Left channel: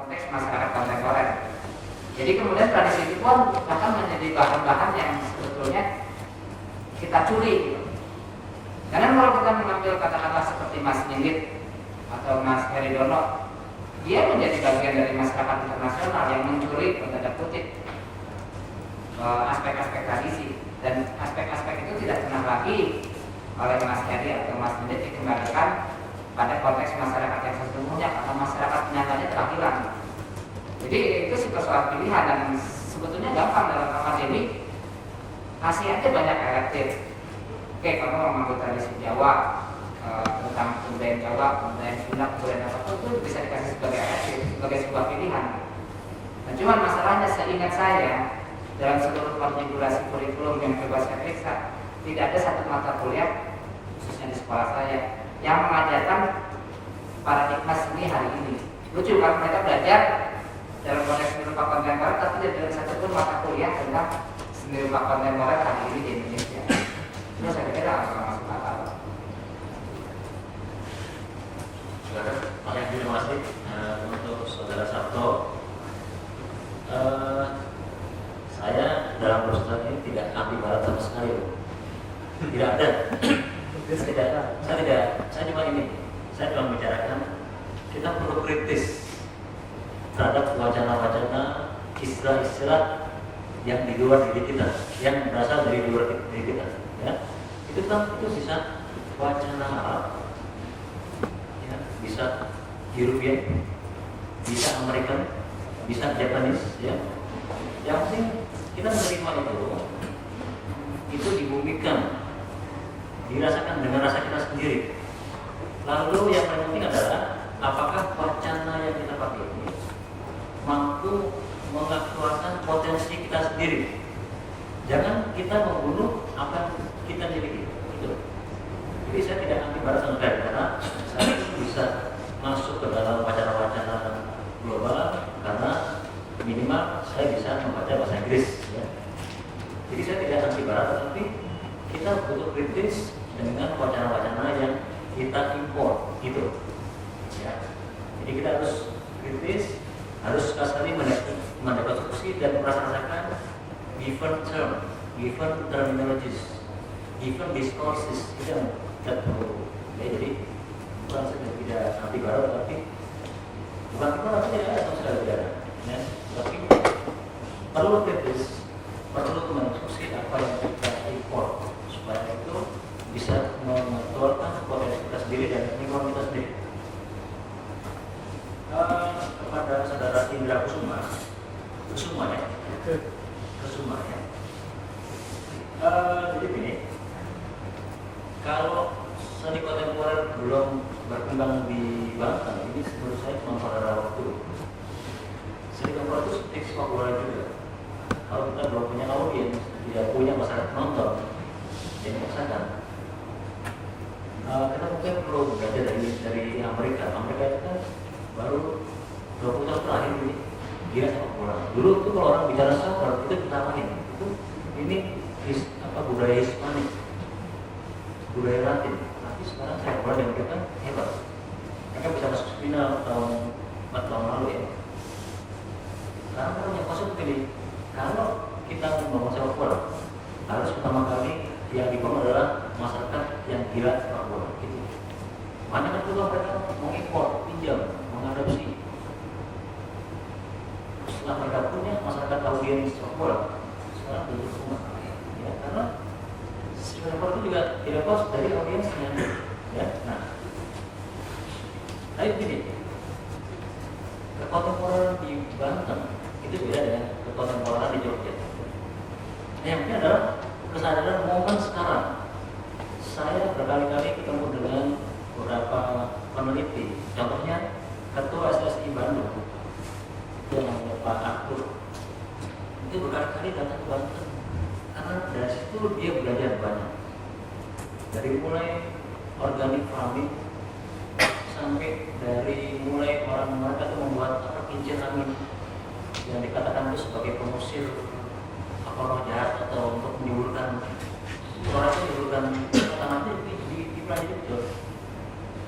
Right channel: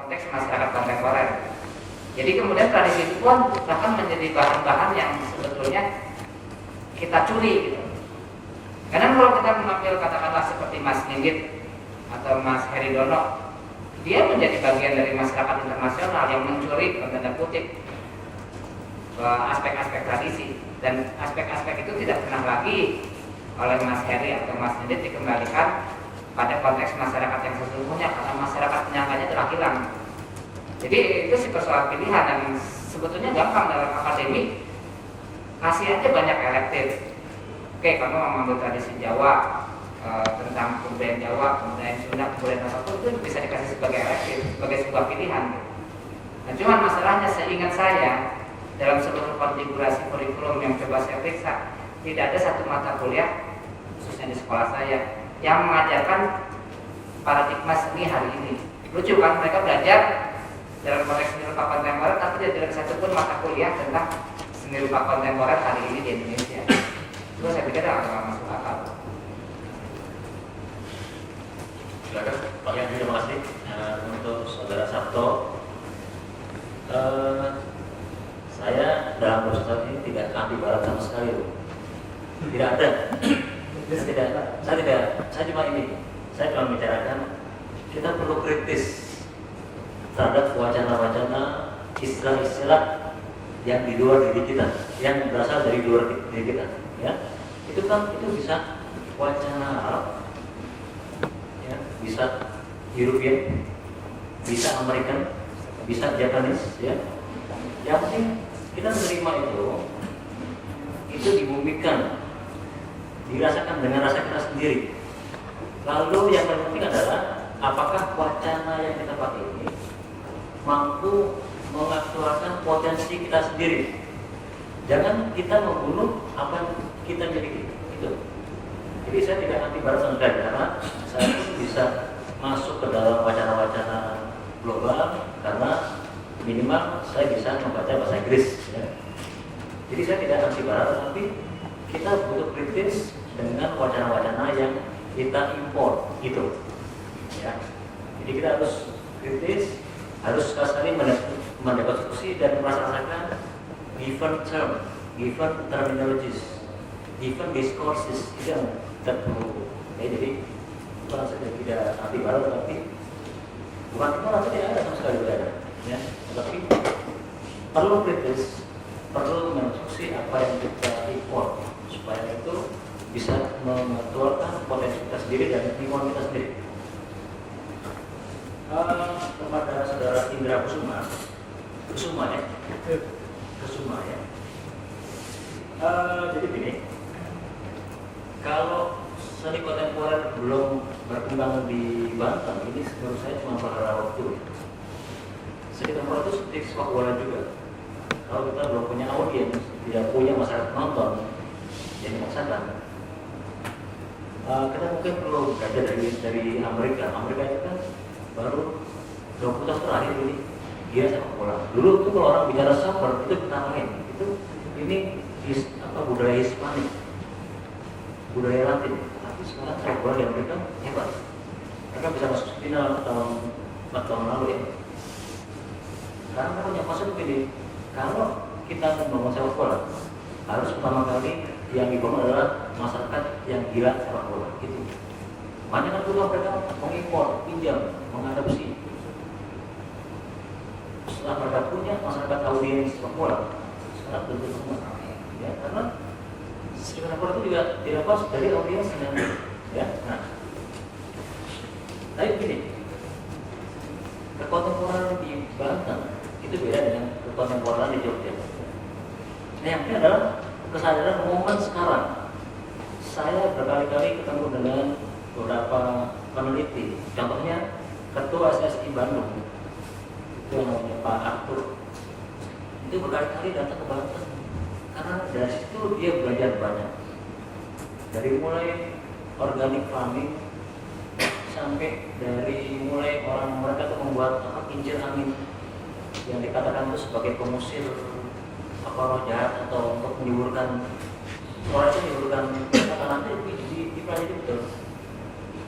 konteks masyarakat kontemporer. Jadi kemudian tradisi itu pun bahkan menjadi bahan-bahan yang sebetulnya kita curi gitu. Karena kalau kita mengambil katakanlah seperti Mas Ninggit atau Mas Heridono, dia menjadi bagian dari masyarakat internasional yang mencuri tanda kutip aspek-aspek tradisi, dan aspek-aspek itu tidak pernah lagi oleh Mas Heri atau Mas Ninggit dikembalikan pada konteks masyarakat yang sesungguhnya, karena masyarakat penyangkanya telah hilang. Jadi itu sih persoalan pilihan, dan sebetulnya gampang dalam akademik kasih aja banyak elektif. Oke, kamu mengambil tradisi Jawa, tentang kebudayaan Jawa, kebudayaan Sunda, kebudayaan apapun itu bisa dikasih sebagai elektif, sebagai sebuah pilihan. Nah, cuman masalahnya seingat saya dalam seluruh konfigurasi kurikulum yang coba saya periksa, tidak ada satu mata kuliah khususnya di sekolah saya yang mengajarkan paradigma seni hari ini. Lucu kan, mereka belajar dalam konteks seni rupa kontemporer, tapi tidak ada satupun mata kuliah tentang seni rupa kontemporer hari ini di Indonesia. Itu saya pikir agak masuk akal. Silakan, Pak Yang, terima kasih untuk Saudara Sabto. Saya dalam proses ini tidak anti barat sama sekali, tidak ada. Saya cuma ini. Saya cuma membicarakan kita perlu kritis terhadap wacana-wacana, istilah-istilah yang di luar diri kita, yang berasal dari luar diri kita. Ya, itu kan itu bisa wacana Arab, ya, bisa European, bisa American, bisa Japanese, ya. Yang penting kita menerima itu dibumikan, dirasakan dengan rasa kita sendiri. Lalu yang penting adalah apakah wacana yang kita pakai ini mampu mengaktualkan potensi kita sendiri. Jangan kita membunuh apa yang kita miliki. Jadi saya tidak anti barat sama sekali, karena saya bisa masuk ke dalam wacana-wacana global karena minimal saya bisa membaca bahasa Inggris. Ya. Jadi saya tidak anti barat, tapi kita butuh kritis dengan wacana-wacana yang kita impor gitu. Ya. Jadi kita harus kritis, harus saling mendekonstruksi dan merasakan given term, given terminologies, given discourses, itu yang kita perlu. Ya, jadi bukan saja tidak anti barat, tapi bukan itu artinya ada sama sekali tidak ada. Ya, tapi perlu kritis, perlu menginstruksi apa yang kita impor supaya itu bisa mengeluarkan potensi kita sendiri dan lingkungan kita sendiri. Kepada Saudara Indra Kusuma ya. Jadi begini, kalau seni kontemporer belum berkembang di Banten, ini menurut saya cuma pada waktu. Seni kontemporer itu seperti sepak bola juga. Kalau kita belum punya audiens, tidak punya masyarakat nonton, yang menyaksikan, kita mungkin perlu belajar dari Amerika. Amerika itu kan baru 20 tahun terakhir ini dia sepak bola. Dulu itu kalau orang bicara soccer itu kita main, itu ini budaya Hispanik, budaya Latin. Tapi sekarang sepak bola yang mereka hebat. Mereka bisa masuk final tahun 4 tahun lalu ya. Karena kalau yang masuk begini, kalau kita membangun sepak bola, harus pertama kali yang dibangun adalah masyarakat yang gila sepak bola. Gitu. Makanya kan dulu mereka mengimpor, pinjam, mengadopsi. Setelah mereka punya masyarakat audiens sepak bola, sekarang bentuk semua. Ya, karena sepak bola itu juga dilepas dari audiensnya. Ya, nah, tapi begini, kekontemporeran di Banten itu beda dengan kekontemporeran di Jogja. Nah, yang ini adalah kesadaran momen sekarang. Saya berkali-kali ketemu dengan beberapa peneliti, contohnya Ketua SSI Bandung, itu yang namanya Pak Arthur, itu berkali-kali datang ke Banten karena dari situ dia belajar banyak, dari mulai organic farming sampai dari mulai orang mereka itu membuat kincir angin yang dikatakan itu sebagai pengusir roh jahat atau untuk menimbulkan suaranya menimbulkan nanti di itu betul.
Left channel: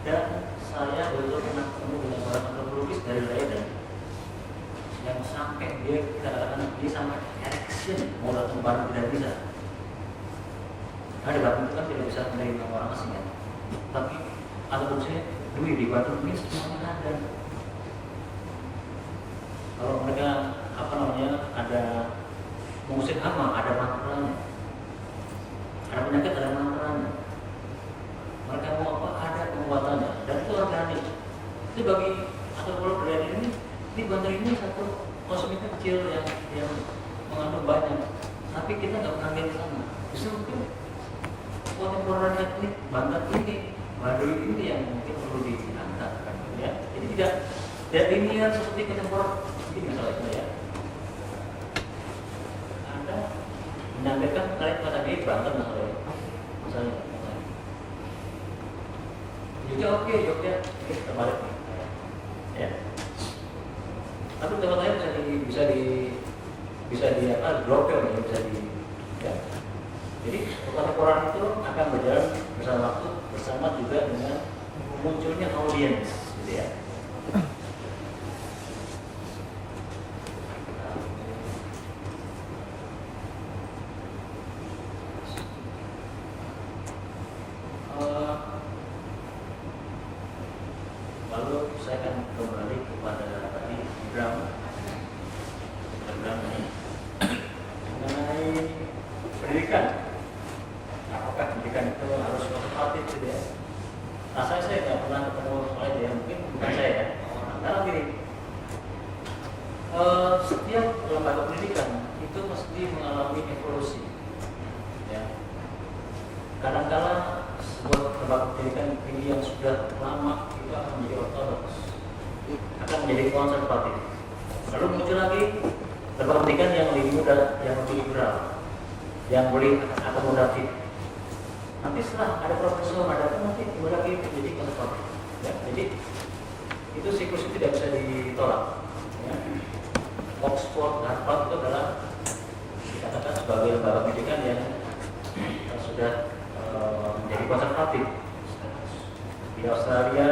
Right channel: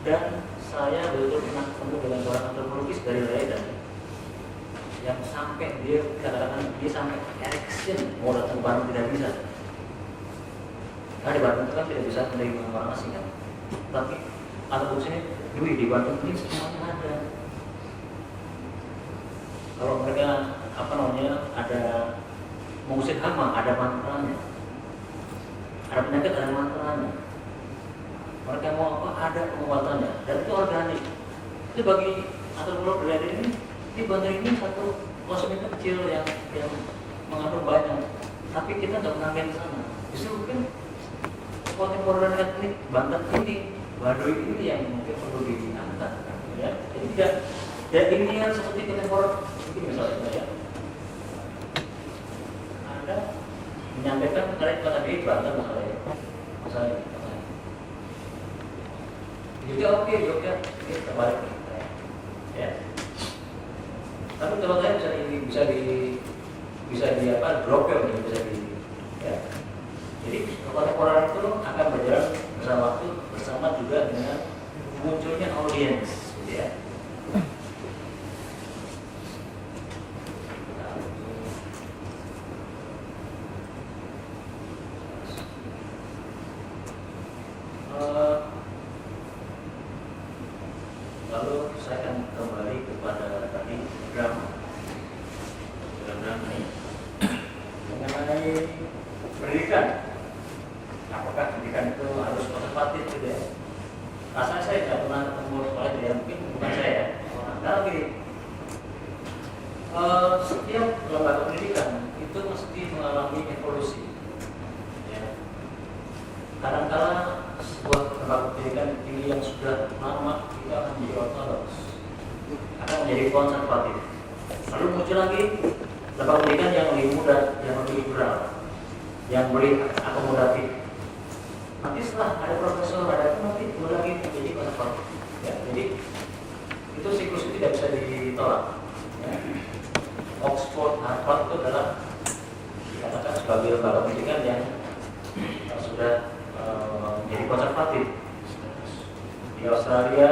Dan saya betul pernah ketemu dengan seorang antropologis dari Leiden kecil, mau datang ke Bandung tidak bisa. Karena di Bandung itu kan tidak bisa menerima orang asing kan. Tapi alurnya Dwi di Bandung ini semuanya ada. Kalau mereka ada mengusir hama, ada mantranya. Ada penyakit, ada mantranya. Mereka mau apa? Ada pengobatannya. Dan itu organik. Itu bagi atau pulau berada ini bandar ini satu konsumen kecil yang mengandung banyak. Tapi kita nggak menghargai di sana. Justru kan kontemporer etnik Banten ini, Baduy ini yang mungkin perlu diangkat, kan? Ya. Jadi tidak dilihat seperti kontemporer ini misalnya ya. Anda menyampaikan kalian pada di Banten misalnya. Jogja kita balik. Ya. Tapi kalau saya bisa di apa drop ya. Jadi kontemporer itu akan berjalan bersama waktu bersama juga dengan munculnya audiens, gitu ya. Lalu saya akan kembali kepada tadi drama ini mengenai pendidikan. Apakah pendidikan itu harus konservatif gitu ya? Rasanya saya tidak pernah ketemu oleh dia, mungkin bukan saya ya. Karena begini, setiap lembaga pendidikan itu mesti mengalami evolusi. Ya. Kadang-kala sebuah lembaga pendidikan ini yang sudah lama itu akan menjadi ortodoks, akan menjadi konservatif. Lalu muncul lagi lembaga pendidikan yang lebih muda, yang lebih liberal, yang lebih akomodatif. Nanti setelah ada profesor, ada nanti lagi menjadi konservatif. Ya, jadi itu siklus itu tidak bisa ditolak. Ya. Oxford, Harvard itu adalah dikatakan sebagai lembaga pendidikan yang sudah menjadi konservatif. Di Australia,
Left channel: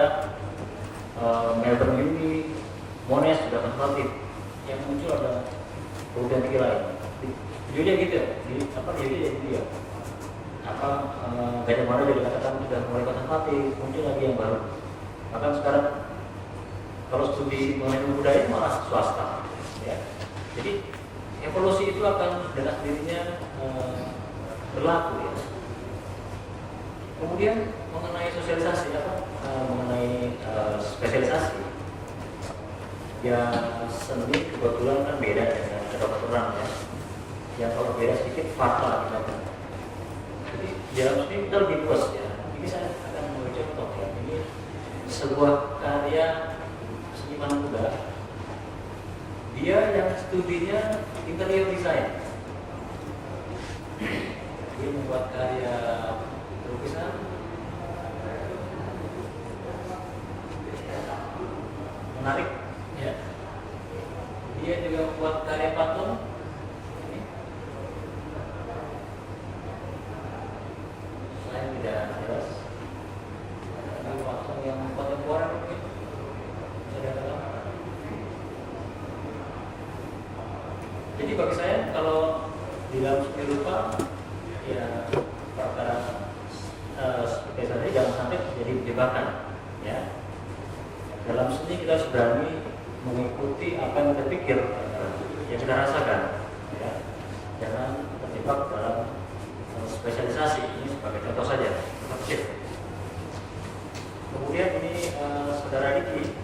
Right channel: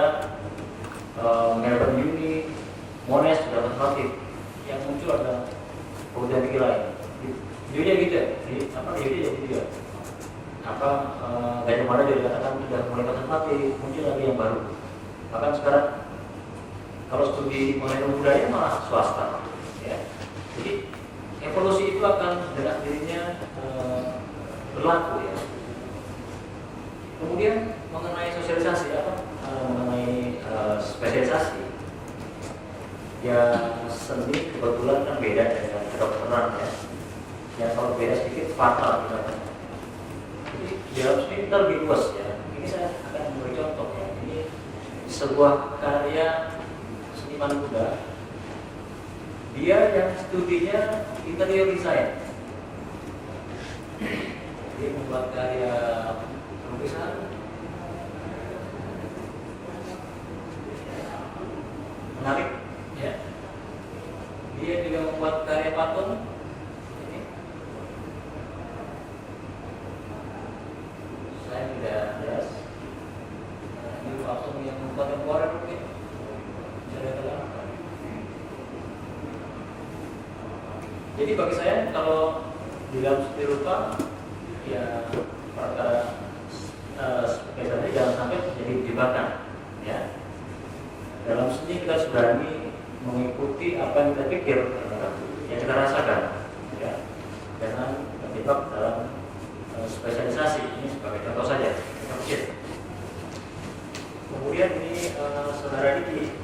Melbourne Uni, Monash sudah konservatif. Yang muncul ada perubahan pikiran. Jadi gitu ya. Jadi gaya mana dari katakan sudah mulai konservatif, muncul lagi yang baru. Maka sekarang kalau studi mengenai budaya malah swasta, ya. Jadi evolusi itu akan dengan sendirinya berlaku, ya. Kemudian mengenai sosialisasi mengenai spesialisasi, ya seni kebetulan kan beda dengan kedokteran, ya. Ya kalau beda sedikit fatal, ya. Jadi ya ini kita lebih luas ya. Ini saya akan memberi contoh ya. Ini sebuah karya seniman muda. Dia yang studinya interior design. Dia membuat karya lukisan. Menarik ya. Dia juga membuat karya patung. Tidak jelas. Ada patung yang kontemporer mungkin. Jadi bagi saya kalau di dalam seni rupa ya perkara seperti saya jangan sampai jadi jebakan ya. Dalam seni kita sudah mengikuti apa yang kita pikir, yang kita rasakan ya. Jangan terjebak dalam spesialisasi. Ini sebagai contoh saja. Kemudian ini saudara Diki,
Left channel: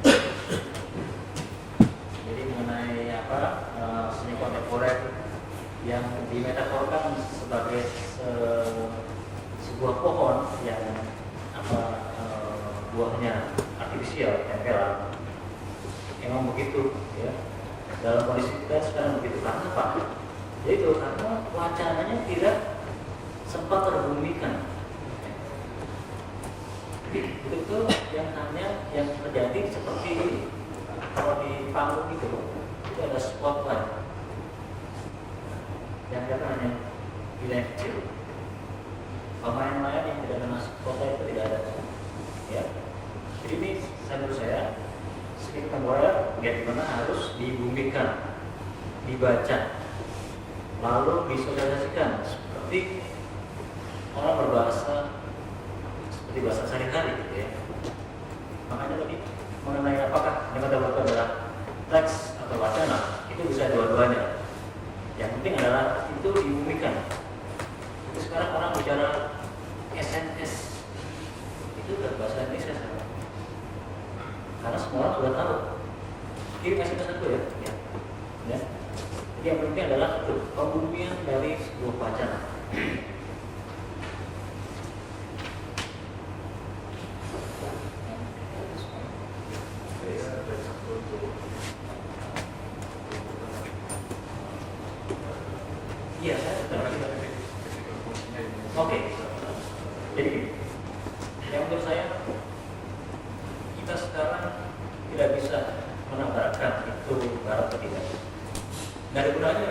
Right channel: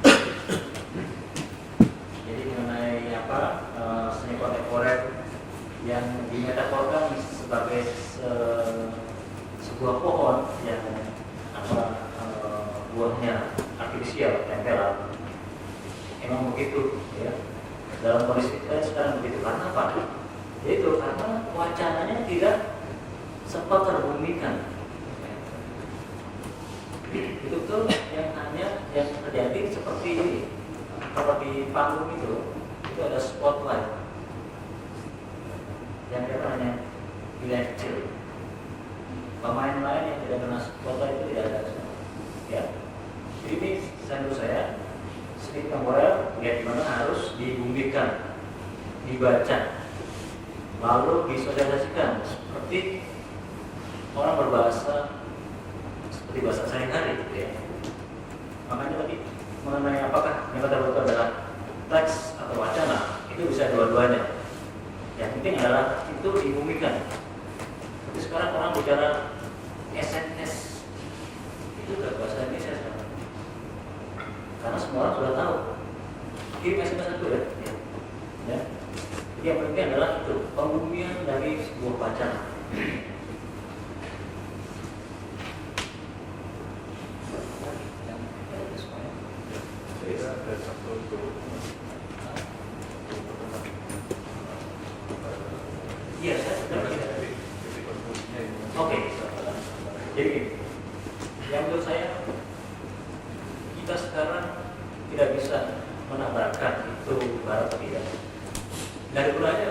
jadi mengenai seni kontemporer yang dimetaforkan sebagai sebuah pohon yang buahnya artifisial, tempelan. Memang begitu ya. Dalam kondisi kita sekarang begitu. Karena apa? Yaitu karena wacananya tidak sempat terbumikan. Betul-betul yang hanya yang terjadi seperti ini. Kalau di panggung itu ada spotlight. Yang kita hanya wilayah kecil. Pemain lain yang tidak kena spotlight itu tidak ada. Ya. Jadi ini menurut saya sedikit temporer ya dimana harus dibumikan, dibaca lalu disosialisasikan seperti orang berbahasa seperti bahasa sehari-hari gitu ya. Makanya tadi mengenai apakah yang kita buat adalah teks atau wacana, itu bisa dua-duanya. Yang penting adalah itu diumumkan. Itu sekarang orang bicara SMS, itu udah bahasa Indonesia sekarang. Karena semua orang sudah tahu. Kirim SMS itu ya. Ya. Jadi yang penting adalah itu pembumian dari sebuah wacana. Iya, saya sudah tidak. Oke. Jadi, yang menurut saya kita sekarang tidak bisa menambahkan itu barat atau tidak. Dari gunanya,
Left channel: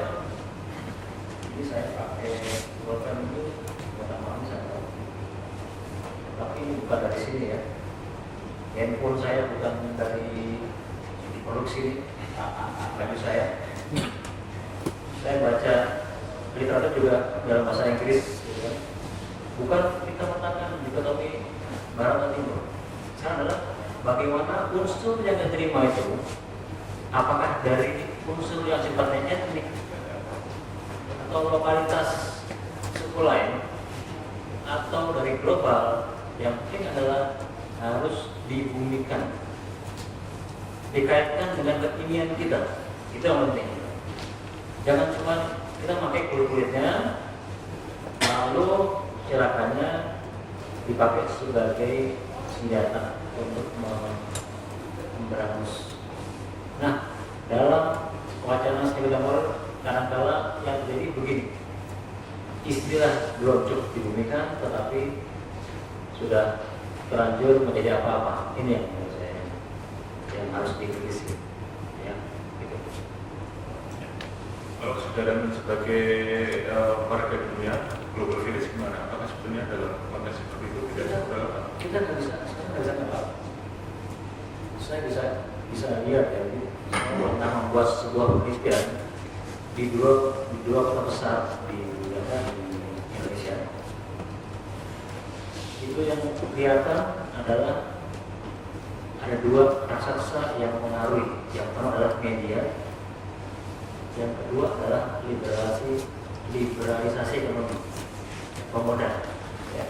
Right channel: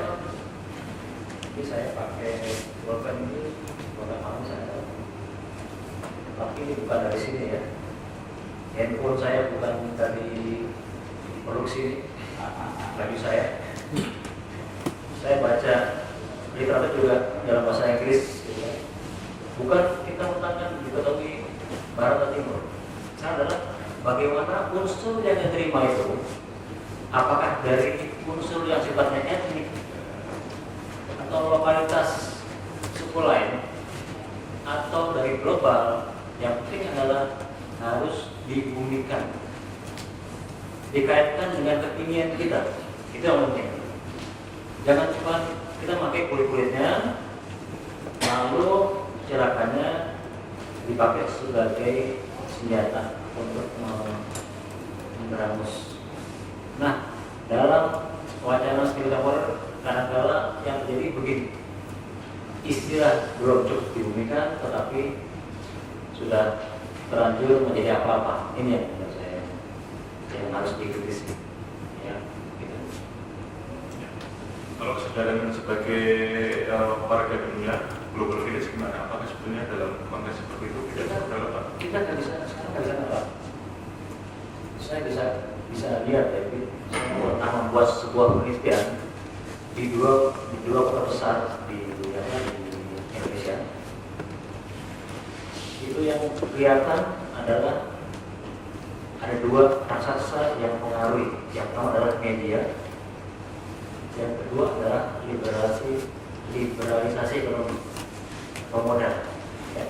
ini saya pakai pulpen ini bukan malam saya. Tapi ini bukan dari sini ya. Handphone saya bukan dari produksi bagi saya. Saya baca literatur juga dalam bahasa Inggris, gitu ya. Bukan kita mengatakan dikotomi barat atau timur. Sekarang adalah bagaimana unsur yang diterima itu, apakah dari unsur yang sifatnya etnik atau lokalitas suku lain atau dari global, yang penting adalah harus dibumikan, dikaitkan dengan kekinian kita. Itu yang penting. Jangan cuma kita pakai kulit-kulitnya, lalu cerakannya dipakai sebagai senjata untuk memberangus. Nah, dalam wacana spiritual kadang-kala yang terjadi begini, istilah belum cukup dibumikan, tetapi sudah terlanjur menjadi apa-apa. Ini yang menurut saya yang harus dikritisi. Ya, gitu. Kalau saudara sebagai warga dunia global village gimana? Apakah sebetulnya dalam konteks seperti itu tidak relevan? Kita nggak bisa, sekarang nggak bisa apa? Saya bisa lihat ya, saya pernah membuat sebuah penelitian di dua kota besar di Indonesia. Itu yang kelihatan adalah ada dua raksasa yang mengaruhi. Yang pertama adalah media, yang kedua adalah liberalisasi ekonomi pemodal. Ya.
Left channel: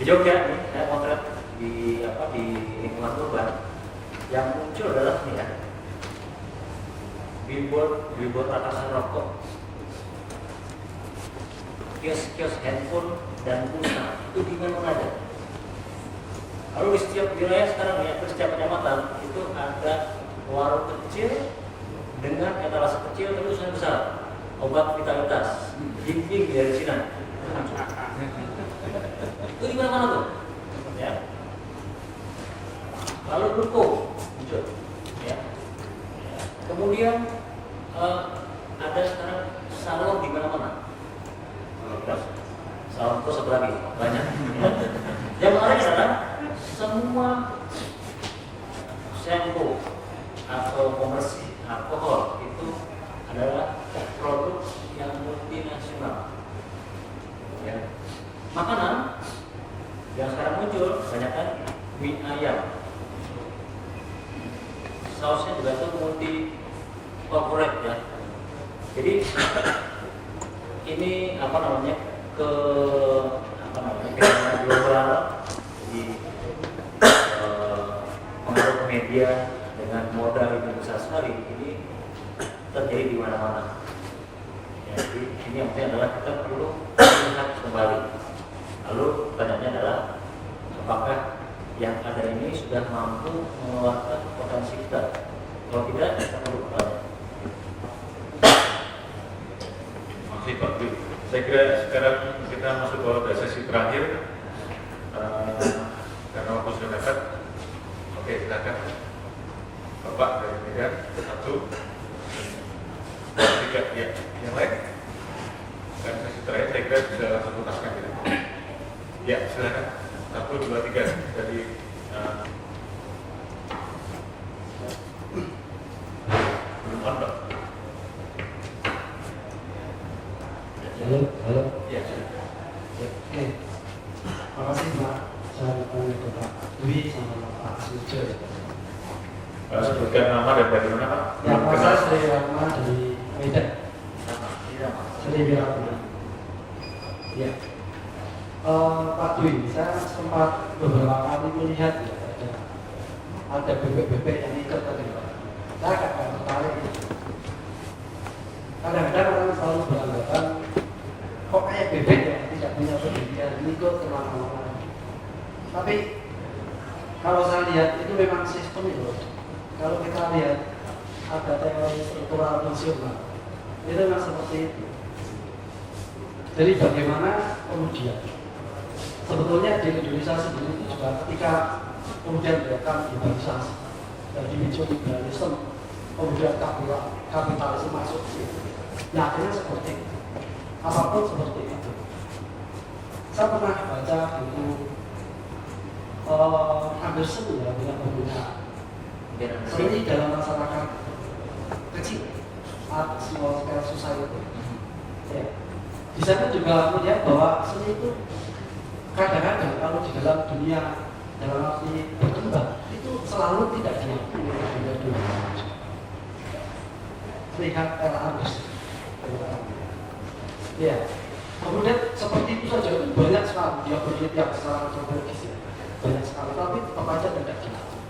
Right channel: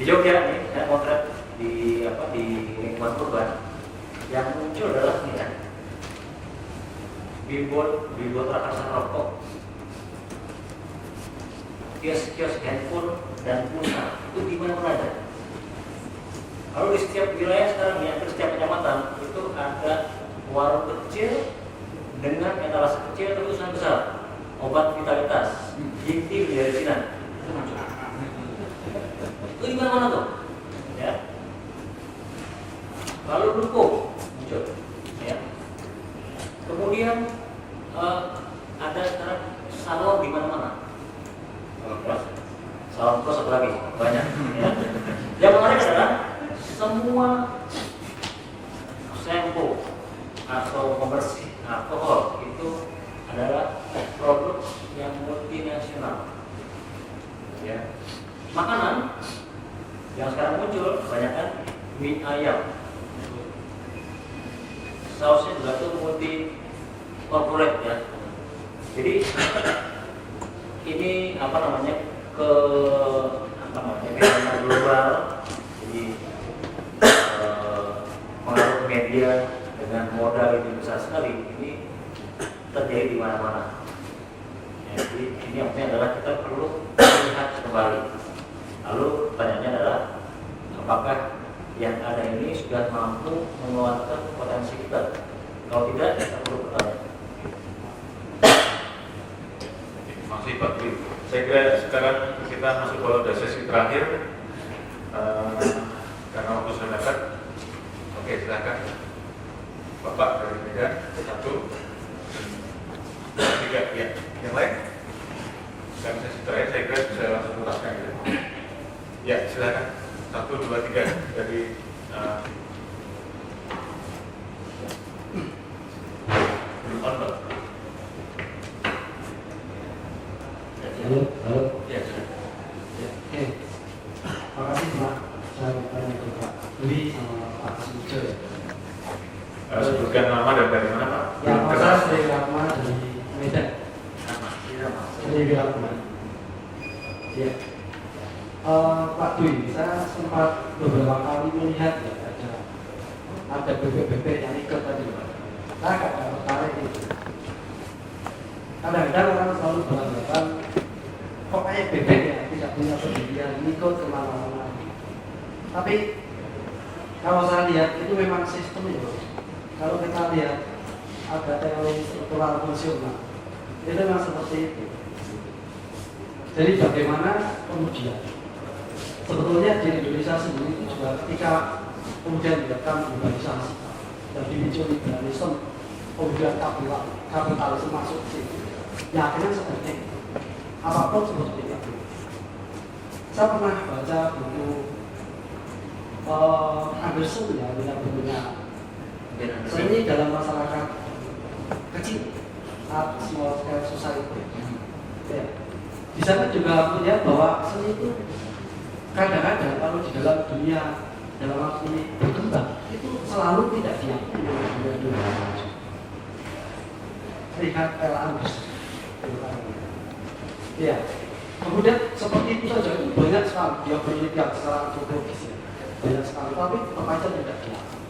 Di Jogja nih, saya motret di lingkungan urban, yang muncul adalah ini kan, billboard raksasa rokok, kios handphone dan pulsa itu di mana ada. Kalau di setiap wilayah sekarang ya, di setiap kecamatan itu ada warung kecil dengan etalase kecil tulisan besar, obat vitalitas, jimping dari Cina. Itu muncul. Itu di mana-mana tuh, ya. Lalu ruko muncul, ya. Kemudian ada sekarang salon di mana-mana. Salon kos satu lagi banyak. Yang menarik adalah semua shampoo atau pembersih alkohol itu adalah produk yang multinasional. Ya. Makanan yang sekarang muncul kebanyakan mie ayam, sausnya juga tuh multi corporate ya. Jadi ini fenomena global. Jadi pengaruh media dengan modal yang besar sekali ini terjadi di mana-mana. Jadi ini maksudnya adalah kita perlu melihat kembali. Lalu pertanyaannya adalah apakah yang ada ini sudah mampu mengeluarkan potensi kita? Kalau tidak, kita perlu bertanya. Masih Pak Dwi. Saya kira sekarang kita masuk ke sesi terakhir karena waktu sudah dekat. Oke, silakan Bapak dari Medan, 1, 2, 3, ya. Yang lain? Dan sesi terakhir saya kira bisa langsung tuntaskan ya. Ya, silakan 1, 2, 3 dari belum on. Halo. Ya, sudah. Oke. Makasih Pak. Saya bertanya ke Pak Dwi sama Pak Sujo ya. Sebutkan nama dan dari mana Pak? Ya, Pak saya Sri Rahma dari Medan. Sri Rahma. Ya. Pak Dwi, saya sempat beberapa kali melihat ya, ada bebek-bebek yang ikut tadi. Saya agak tertarik itu. Kadang-kadang orang selalu beranggapan kok kayak bebek ya, tidak punya pendirian, ikut kemana-mana. Tapi kalau saya lihat itu memang sistem ya. Kalau kita lihat ada teori struktural fungsional, itu memang seperti itu. Jadi bagaimana kemudian sebetulnya di Indonesia sendiri itu juga ketika kemudian dilakukan globalisasi dan dipicu liberalisme, kemudian kapitalisme masuk ke situ. Ya akhirnya seperti itu. Apapun seperti itu. Saya pernah baca buku Anderson ya, dengan bukunya seni dalam masyarakat kecil, art small scale society. Ya. Di sana juga melihat bahwa seni itu kadang-kadang kalau di dalam dunia dalam arti berkembang itu selalu tidak diakui oleh dunia. Lihat Anderson. Ya. Kemudian seperti itu saja itu banyak sekali dia berlihat secara antropologis ya. Banyak sekali, tapi tetap aja tidak diakui.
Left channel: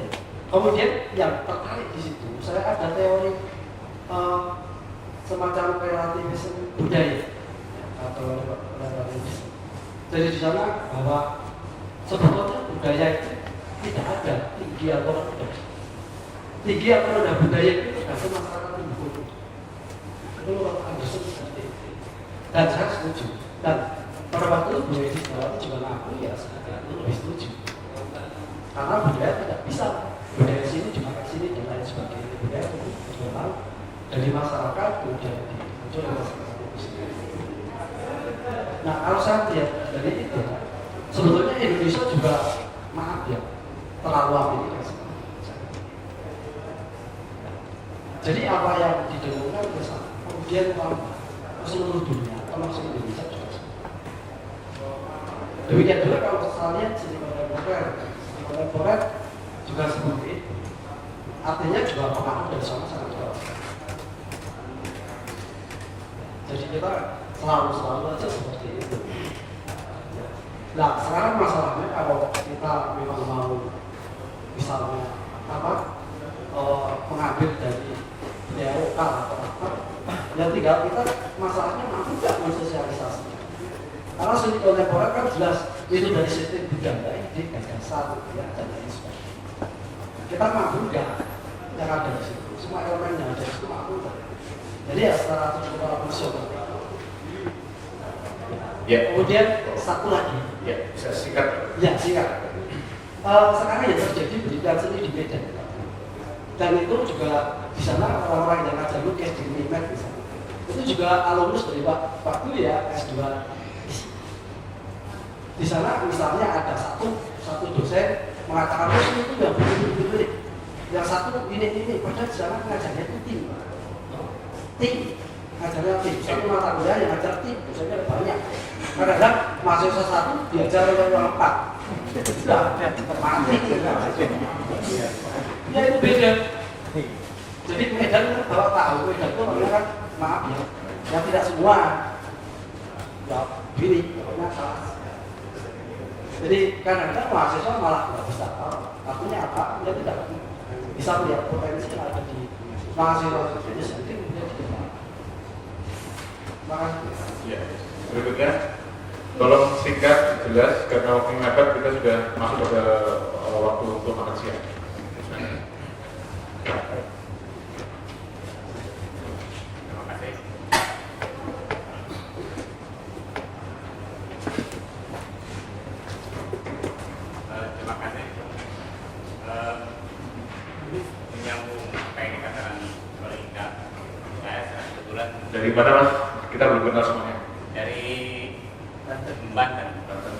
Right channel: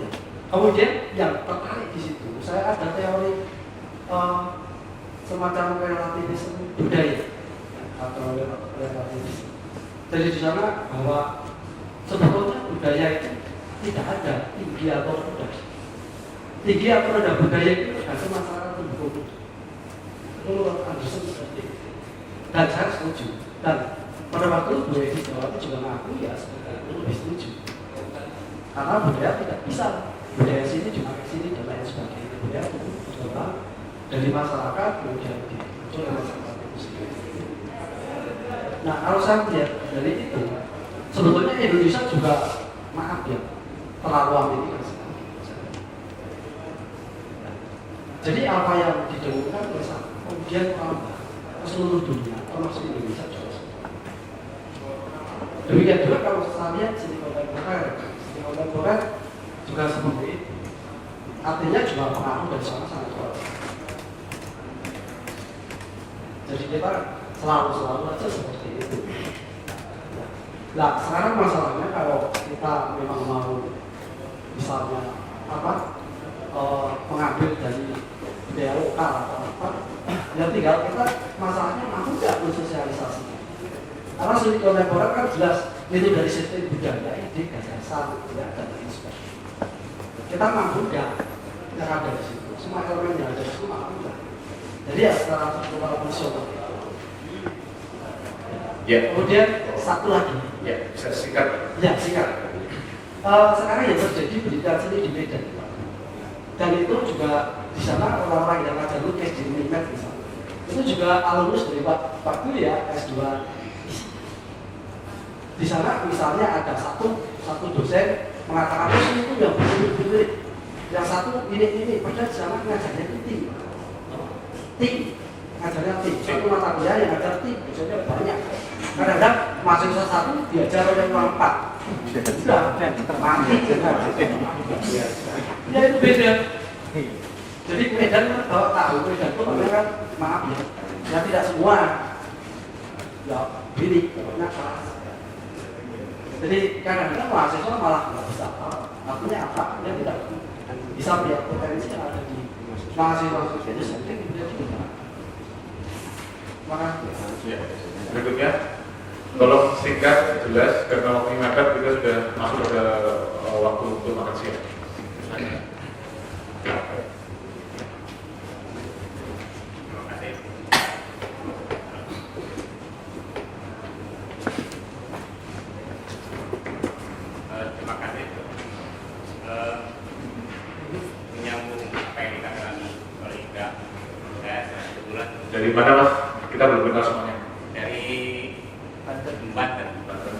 Ya. Kemudian yang tertarik di situ, saya ada teori semacam relativisme budaya atau relativisme. Jadi di sana bahwa sebetulnya budaya itu tidak ada tinggi atau rendah. Tinggi atau rendah budaya itu tergantung masyarakat lingkungan. Itu menurut Anderson seperti itu. Dan saya setuju. Dan pada waktu itu budaya di Jawa itu juga ngaku ya sebenarnya lebih setuju. Karena budaya tidak bisa budaya sini cuma ke sini dan lain sebagainya. Budaya itu memang dari masyarakat kemudian muncul dari masyarakat itu sendiri. Nah kalau saya lihat dari itu, sebetulnya Indonesia juga maaf ya terlalu Amerika sekali. Jadi apa yang didengungkan ke sana, kemudian ke seluruh dunia, termasuk Indonesia juga. Demikian juga kalau saya lihat Silicon Valley juga seperti itu. Artinya juga pengaruh dari sana sangat kuat. Jadi kita selalu aja seperti itu. Nah sekarang masalahnya kalau kita memang mau misalnya mengambil dari budaya lokal atau apa, yang tinggal kita masalahnya mampu tidak mensosialisasi. Karena studi kontemporer kan jelas ini dari sistem budaya, ide, gagasan, ya, dan lain sebagainya. Kita mampu nggak yang ada di situ, semua elemen yang ada di situ mampu nggak. Jadi ya secara struktural fungsional. Ya. Kemudian satu lagi. Ya, bisa singkat. Ya singkat. Sekarang yang terjadi pendidikan seni di Medan. Dan itu juga di sana orang-orang yang ngajar lukis di Unimed misalnya. Itu juga alumnus dari Pak Dwi ya, S2. Di sana misalnya ada satu dosen mengatakan dosen itu yang benar-benar, yang satu ini, padahal di sana ngajarnya itu tim, ngajarnya tim. Satu mata kuliah yang ngajar tim, dosennya banyak. Kadang-kadang mahasiswa satu diajar yang empat, sudah mati. Ya itu beda. Jadi Medan kalau tahu Medan itu namanya kan maaf ya tidak semua ya gini, banyak kelas. Jadi kadang-kadang mahasiswa malah nggak bisa artinya apa? Dia tidak bisa melihat potensi yang ada di mahasiswa itu sendiri. Makasih. Ya. Berikutnya, tolong singkat, jelas, karena waktu mepet kita sudah masuk ke waktu untuk makan siang. Terima kasih. Terima kasih. Menyambung apa yang dikatakan oleh Ida, saya kebetulan Dari mana Mas? Kita belum kenal semuanya. dari Banten.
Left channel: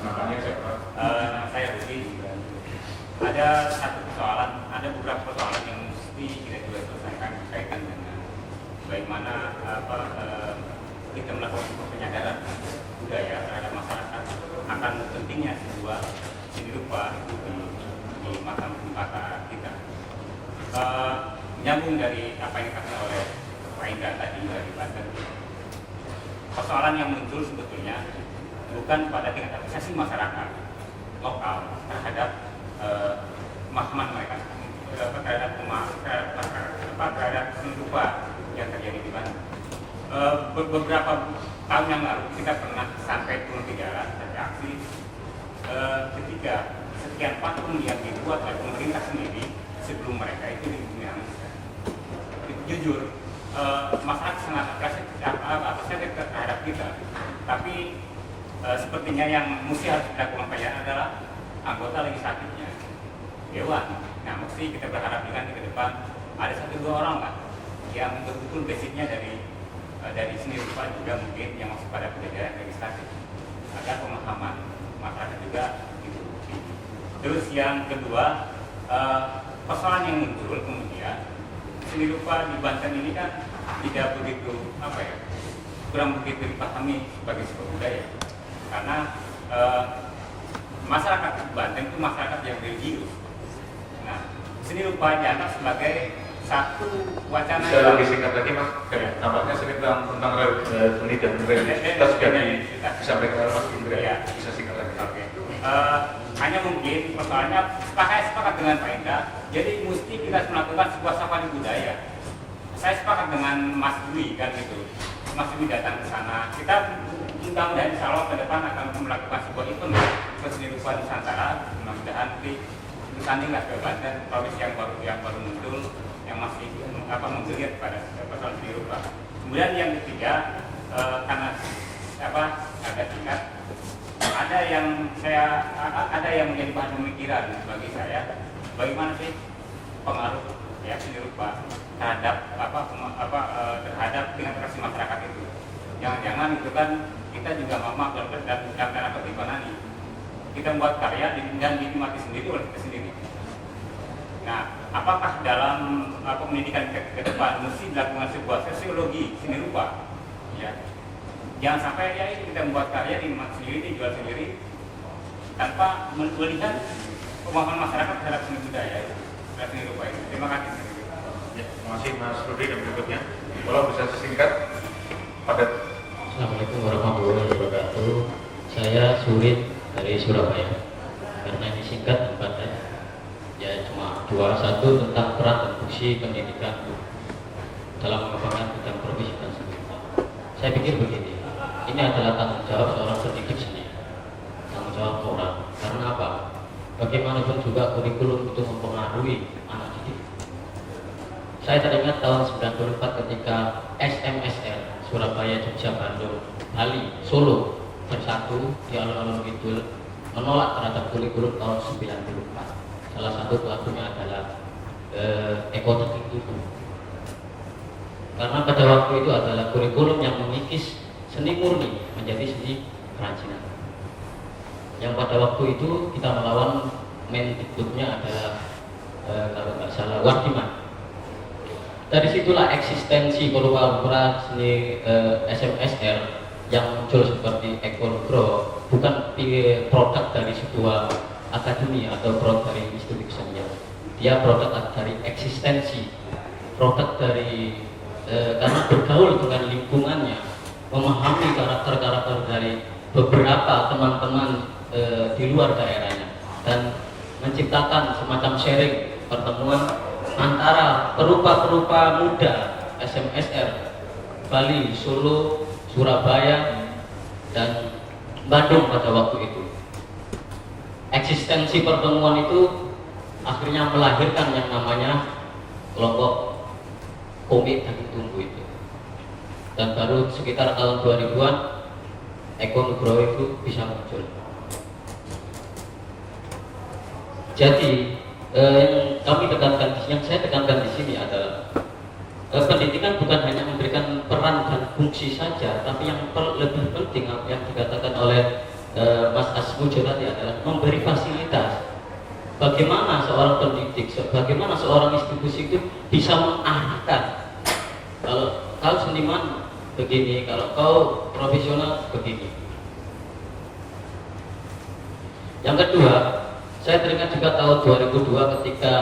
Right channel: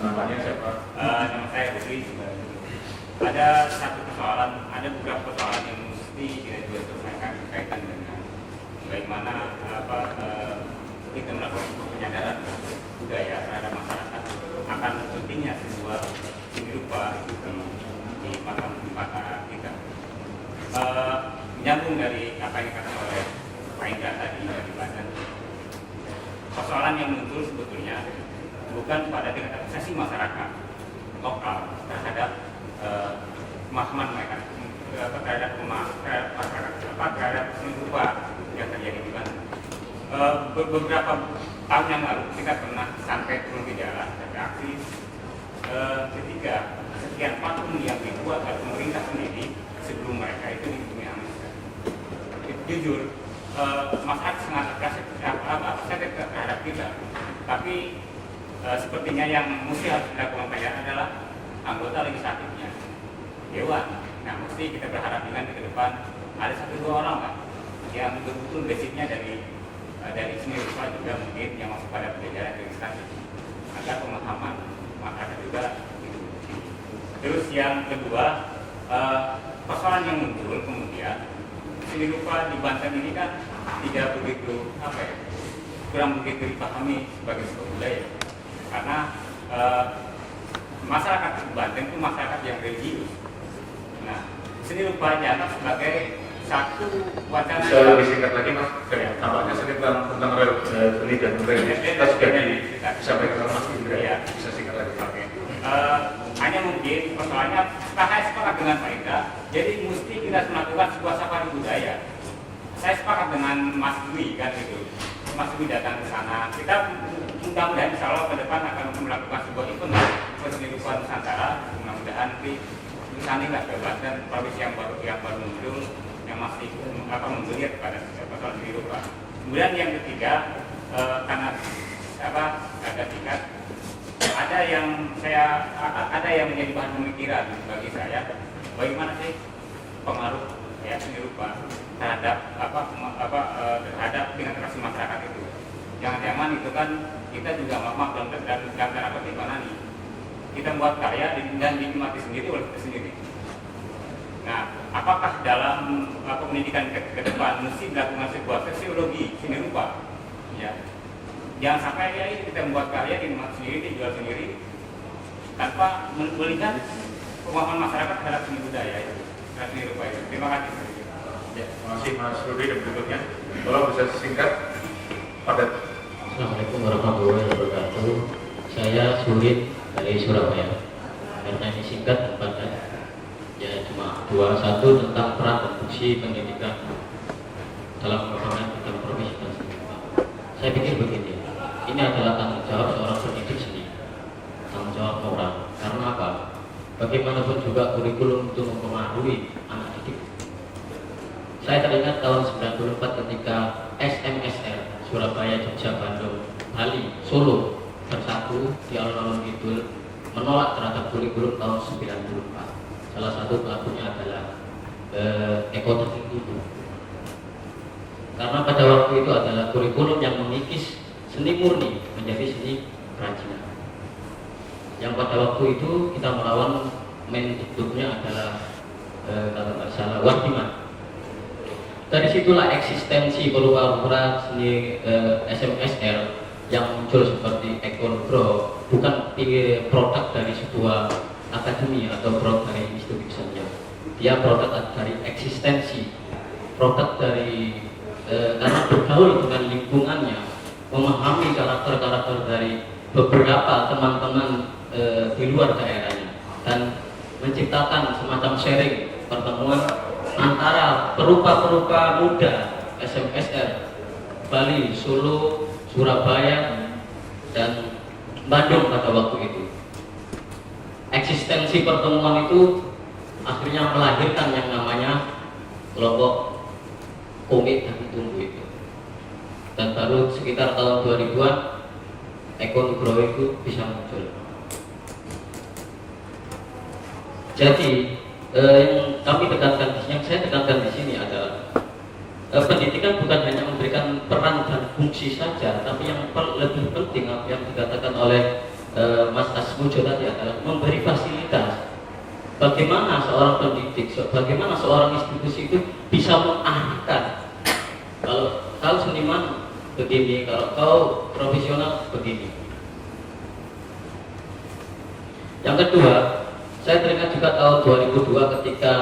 Namanya siapa? Nama saya Ruki. Ada satu persoalan, ada beberapa persoalan yang mesti kita juga selesaikan berkaitan dengan bagaimana kita melakukan penyadaran budaya terhadap masyarakat akan pentingnya sebuah seni rupa itu di mata kita. Menyambung dari apa yang dikatakan oleh Pak Indra tadi dari Banten, persoalan yang muncul sebetulnya bukan pada tingkat apresiasi masyarakat lokal terhadap pemahaman mereka terhadap seni rupa yang terjadi di Banten. Beberapa tahun yang lalu kita pernah sampai turun ke jalan beraksi ketika sekian patung yang dibuat oleh pemerintah sendiri sebelum mereka itu dihubungi Indonesia. Jujur, masyarakat sangat apresiatif terhadap kita, tapi sepertinya yang mesti harus dilakukan penilaian adalah anggota legislatifnya, dewan. Nah, mesti kita berharap dengan ke depan ada 1-2 orang lah yang betul-betul basicnya dari seni rupa juga mungkin yang masuk pada jajaran legislatif agar pemahaman masyarakat juga itu. Terus yang kedua, persoalan yang muncul kemudian seni rupa di Banten ini kan tidak begitu kurang begitu dipahami sebagai sebuah budaya, karena masyarakat di Banten itu masyarakat yang religius. Nah, seni rupa dianggap sebagai satu wacana Bisa lebih singkat lagi Mas, tampaknya tentang seni dan budaya kita sudah disampaikan oleh Mas Indra, ya. Bisa singkat lagi. Oke. Hanya mungkin persoalannya saya sepakat dengan Pak Indra, jadi mesti kita melakukan sebuah safari budaya. Saya sepakat dengan Mas Dwi kan gitu. Mas Dwi datang ke sana. Kita mudah-mudahan insya Allah ke depan akan melakukan sebuah event seni rupa Nusantara. Mudah-mudahan nanti disanding lah ke Banten, provinsi yang baru muncul, yang masih menggeliat pada persoalan seni rupa. Kemudian yang ketiga, karena ada tingkat, ada yang menjadi bahan pemikiran bagi saya, bagaimana sih pengaruh seni rupa terhadap terhadap tingkat reaksi masyarakat itu. Jangan-jangan itu kan kita juga dalam tanda kutip kita membuat karya dan dinikmati sendiri oleh kita sendiri. Nah, apakah dalam pendidikan ke depan mesti dilakukan sebuah sosiologi seni rupa? Ya. Jangan sampai kita membuat karya dinikmati sendiri, dijual sendiri tanpa melihat pemahaman masyarakat terhadap seni budaya itu, terhadap seni rupa itu. Terima kasih. Ya, terima kasih Mas Rudi dan berikutnya. Kalau bisa singkat, padat. Assalamualaikum warahmatullahi wabarakatuh. Saya Surit dari Surabaya. Karena ini singkat tempatnya, ya cuma 2. 1 tentang peran dan fungsi pendidikan dalam mengembangkan bidang profesi dan seni. Saya pikir begini, ini adalah tanggung jawab seorang pendidik sendiri, tanggung jawab moral. Karena apa? Bagaimanapun juga kurikulum untuk mempengaruhi anak didik. Saya teringat tahun 94 ketika SMSR Surabaya, Jogja, Bandung, Bali, Solo bersatu di alun-alun Kidul menolak terhadap kurikulum tahun 94. Salah satu pelakunya adalah ekonomi itu. Karena pada waktu itu adalah kurikulum yang mengikis seni murni menjadi seni kerajinan. Yang pada waktu itu kita melawan mendikbudnya adalah kalau tidak salah Wardiman. Dari situlah eksistensi pura-pura seni SMSR yang muncul seperti Ekonogro bukan produk dari sebuah akademi atau produk dari institusi saja. Dia produk dari eksistensi, produk dari karena bergaul dengan lingkungannya, memahami karakter-karakter dari beberapa teman-teman di luar daerahnya dan menciptakan semacam sharing pertemuan antara perupa-perupa muda SMSR Bali, Solo, Surabaya, dan Bandung pada waktu itu. Eksistensi pertemuan itu akhirnya melahirkan yang namanya kelompok komit dan tumbuh itu. Dan baru sekitar tahun 2000-an Ekonogro itu bisa muncul. Jadi yang kami tekankan, yang saya tekankan di sini adalah pendidikan bukan hanya memberikan peran dan fungsi saja, tapi yang lebih penting yang dikatakan oleh Mas Asmujo tadi adalah memberi fasilitas. Bagaimana seorang pendidik, bagaimana seorang institusi itu bisa mengarahkan. Kalau seniman begini, kalau kau profesional begini. Yang kedua, saya teringat juga tahun 2002 ketika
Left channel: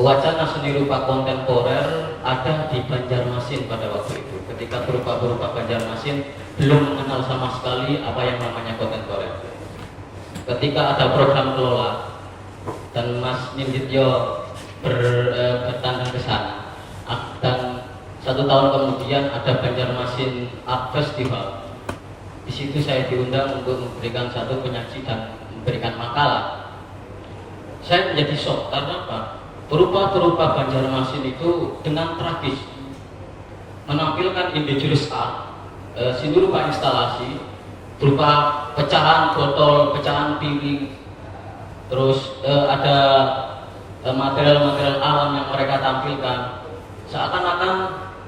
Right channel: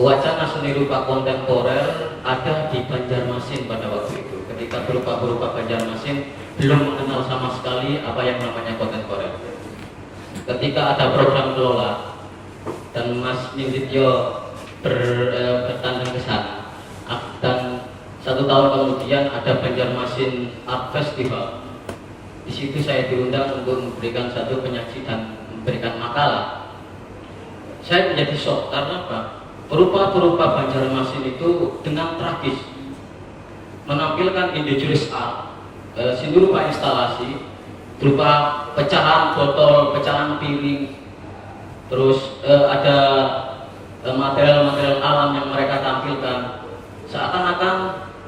wacana seni rupa kontemporer ada di Banjarmasin pada waktu itu. Ketika berupa Banjarmasin belum mengenal sama sekali apa yang namanya kontemporer. Ketika ada program kelola dan Mas Nindityo bertandang ke sana, dan 1 tahun kemudian ada Banjarmasin Art Festival. Di situ saya diundang untuk memberikan satu penyaji dan memberikan makalah. Saya menjadi shock karena apa? Berupa Banjarmasin itu dengan tragis menampilkan indigenous art, seni rupa instalasi berupa pecahan botol, pecahan piring, terus ada material-material alam yang mereka tampilkan. Seakan-akan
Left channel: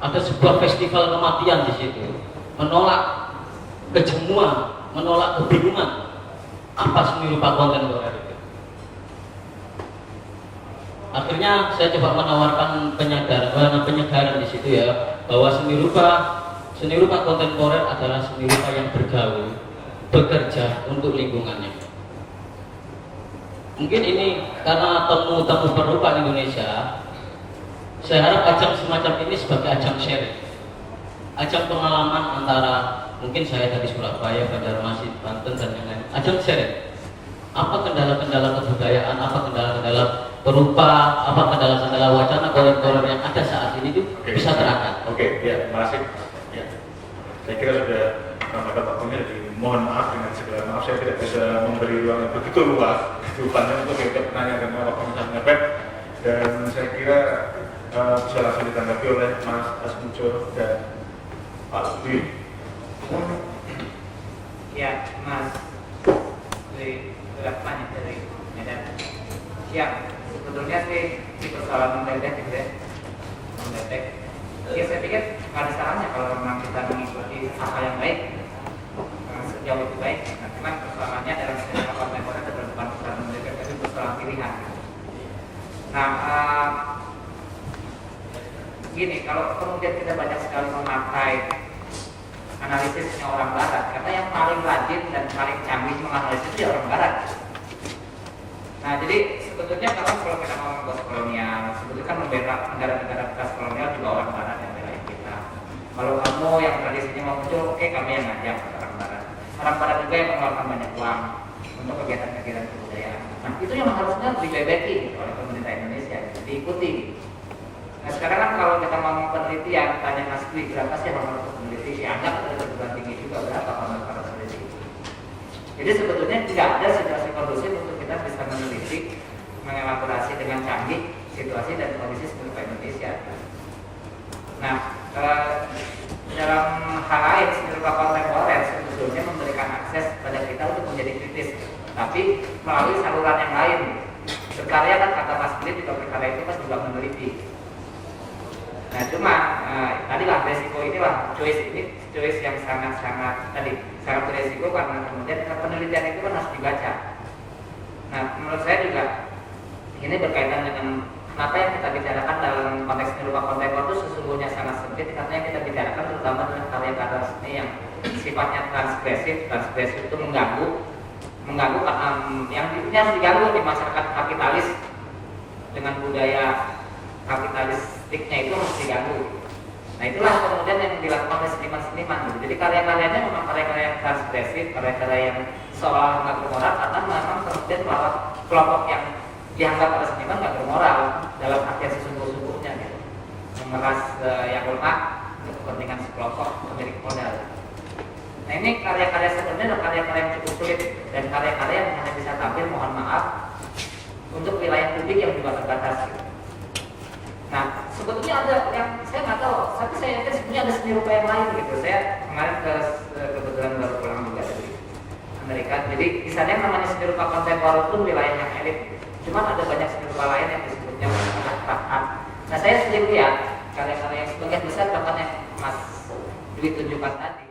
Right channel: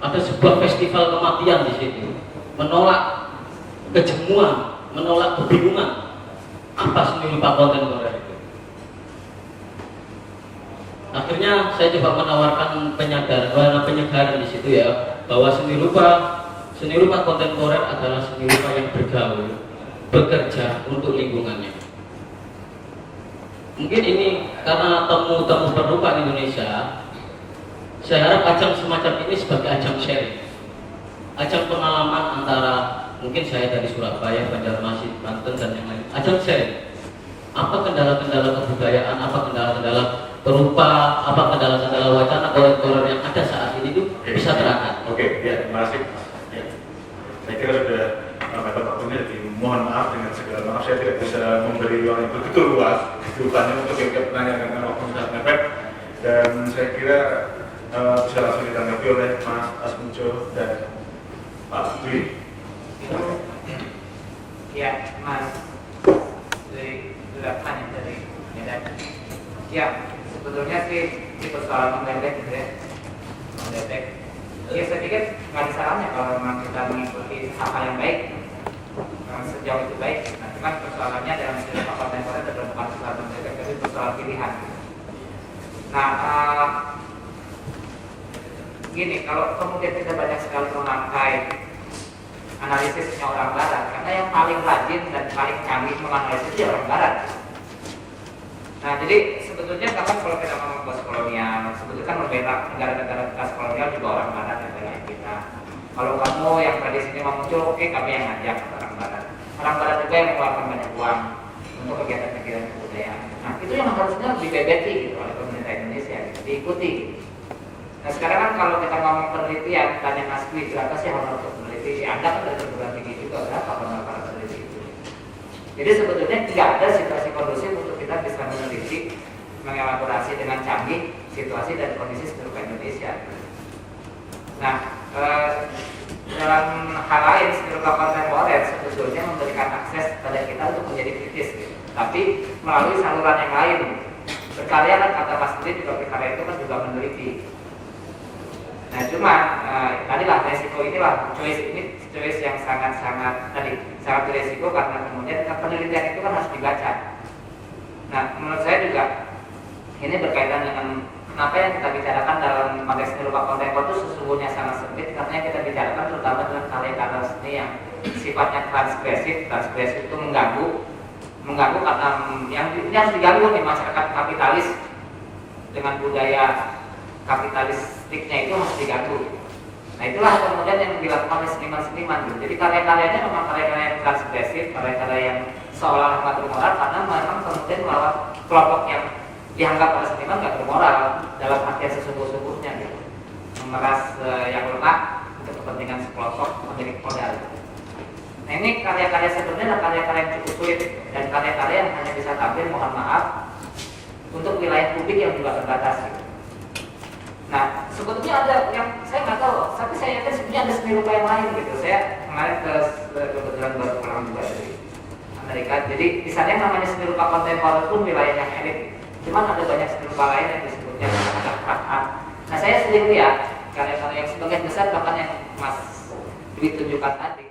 ada sebuah festival kematian di situ, menolak kejenuhan, menolak kebingungan apa seni rupa kontemporer itu. Akhirnya saya coba menawarkan penyadaran di situ ya, bahwa seni rupa kontemporer adalah seni rupa yang bergaul, bekerja untuk lingkungannya. Mungkin ini karena temu perupa Indonesia, saya harap ajang semacam ini sebagai ajang sharing, ajang pengalaman antara mungkin saya dari Surabaya, Banjarmasin, Banten dan yang lain, ajang sharing. Apa kendala-kendala kebudayaan, apa kendala-kendala berupa, apa kendala-kendala wacana kolor yang ada saat ini itu bisa terangkat. Oke, ya, terima kasih. Ya. Saya kira sudah Bapak Pemir, jadi mohon maaf dengan segala maaf saya tidak bisa memberi ruang yang begitu luas rupanya untuk yang pertanyaan karena waktu sangat mepet, dan saya kira bisa langsung ditanggapi oleh Mas Asmunco dan Pak Dwi. Ya, Mas sudah tanya dari Medan. Ya, sebetulnya sih di persoalan mendetek gitu ya, mendetek. Ya saya pikir nggak ada salahnya kalau memang kita mengikuti apa yang baik, sejauh itu baik. Nah, cuman persoalannya dalam seni rupa kontemporer ada bukan persoalan mendetek, tapi persoalan pilihan. Nah, gini, kalau kemudian kita banyak sekali memakai analisisnya orang barat, karena yang paling rajin dan paling canggih menganalisis itu orang barat. Nah, jadi sebetulnya kalau kita mau membahas kolonial, sebetulnya kan berbeda negara-negara bekas kolonial juga orang barat yang banyak kita. Kalau kamu yang tradisinya mau muncul, oke, kami yang ngajak orang barat. Orang barat juga yang mengeluarkan banyak uang untuk kegiatan-kegiatan kebudayaan. Nah, itu yang harusnya dibebeti oleh pemerintah Indonesia, diikuti. Nah, sekarang kan kalau kita mau penelitian, tanya Mas Dwi, berapa sih honor untuk peneliti? Dianggap ada perguruan tinggi juga, berapa honor para peneliti itu? Jadi sebetulnya tidak ada situasi kondusif untuk kita bisa meneliti, mengelaborasi dengan canggih situasi dan kondisi seni rupa Indonesia. Nah, dalam hal lain seni rupa kontemporer sebetulnya memberikan akses pada kita untuk menjadi kritis, tapi melalui saluran yang lain. Berkarya kan kata Mas Dwi, di berkarya itu kan juga meneliti. Nah, cuma tadilah resiko inilah choice yang sangat beresiko karena kemudian penelitian itu kan harus dibaca. Nah, menurut saya juga ini berkaitan dengan kenapa yang kita bicarakan dalam konteks seni rupa kontemporer itu sesungguhnya sangat sempit, karena yang kita bicarakan terutama dengan karya-karya seni yang sifatnya transgresif itu mengganggu karena yang harus diganggu di masyarakat kapitalis dengan budaya kapitalistiknya itu harus diganggu. Nah, itulah kemudian yang dilakukan oleh seniman-seniman gitu. Jadi karya-karyanya memang karya-karya yang transgresif, karya-karya yang seolah nggak bermoral karena memang kemudian melawan kelompok yang dianggap oleh seniman nggak bermoral dalam artian sesungguh-sungguhnya gitu. Memeras yang lemah untuk kepentingan sekelompok pemilik modal. Nah, ini karya-karya sebenarnya karya-karya yang cukup sulit dan karya-karya yang hanya bisa tampil, mohon maaf, untuk wilayah publik yang juga terbatas. Nah, sebetulnya ada yang saya nggak tahu, tapi saya yakin sebenarnya ada seni rupa yang lain gitu. Saya kemarin kebetulan baru pulang juga dari Amerika, jadi di sana yang namanya seni rupa kontemporer pun wilayah yang elit. Cuman ada banyak seni rupa lain yang disebutnya art. Nah, saya sendiri ya karya-karya yang sebagian besar bahkan yang Mas Dwi tunjukkan tadi.